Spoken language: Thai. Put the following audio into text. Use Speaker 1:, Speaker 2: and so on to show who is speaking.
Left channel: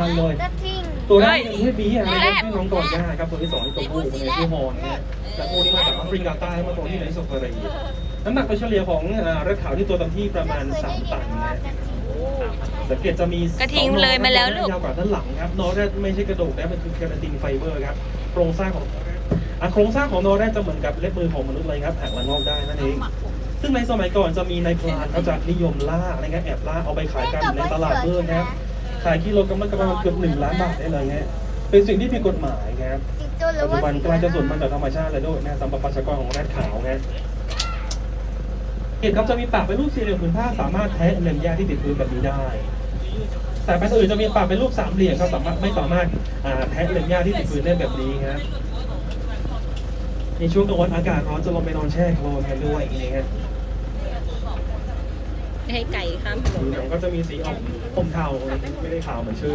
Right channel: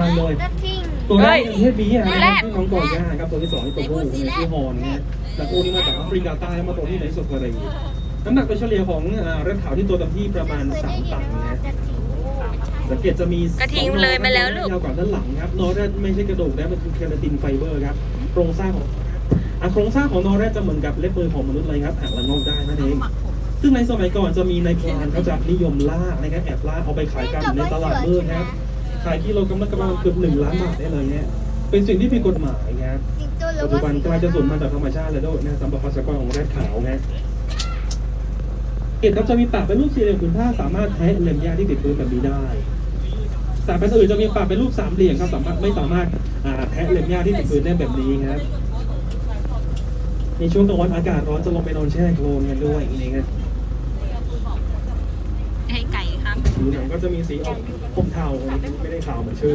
Speaker 1: คัญเลย
Speaker 2: กระทิง
Speaker 1: ตัวแรก
Speaker 3: เฮ้ย
Speaker 1: เป็นเพศเมียนะ
Speaker 3: แร
Speaker 1: ค
Speaker 3: ก
Speaker 1: รับชื่อน้องโกย่าครับตัวที่สองนี่ตัวผู้ตัวนี้ชื่อฮอนนะฮะแต่ตัวนี้มาจากแอฟริกาใต้แล้วมาตัวที่ในที่สุดเลยน้ำหนักโดยเฉลี่ยของอ่าแรดขาวที่ตัวเต็มที่ประมาณ3ตันนะฮะสังเกตจะมี
Speaker 3: กระทิงเลยมาแล้วลูก
Speaker 1: ยาวกว่าด้านหลังครับนอแรดไม่ใช่กระดูกนะมันคือเคราตินไฟเบอร์ครับโครงสร้างของอะโครงสร้างของนอแรดจะเหมือนกับเล็บมือของมนุษย์เลยครับแอกและงอกได้นั่นเองซึ่งในสมัยก่อนจะมีในพรานเขาจะนิยมล่าอะไรเงี้ยแอบล่าเอาไปขายกันในตลาดมืดนะครับ ขายกิโลกรัมละประมาณเกือบหนึ่งล้านบาทได้เลยฮะเป็นสิ่งที่ผิดกฎหมายนะครับ
Speaker 2: สิงโตหรื
Speaker 1: ปั
Speaker 2: อ
Speaker 1: จจุ
Speaker 2: ว่า
Speaker 1: บันกลายจะสูญพันธุ์จากธรรมชาติเลยด้วยนะตามประกากรของแรดขาวนะเกตครับจะมีปากเป็นรูปสี่เหลี่ยมผืนผ้าสามารถแทะเล็มหญ้าที่ติดพื้นแบบนี้ได้สายพันธุ์อื่นจะมีปากเป็นรูปสามเหลี่ยมครับสามารถไม่สามารถอ่าแทะเล็มหญ้าที่ติดพื้นได้แบบนี้ครับในช่วงกลางวันอากาศร้อนจะลงไปนอนแช่โคลนกันด้วยนะฮะ
Speaker 3: หรื
Speaker 1: อ
Speaker 3: ไห
Speaker 1: นก็จะมีสีออกอมเทาไม่ได้ขาวเหมือนชื่อ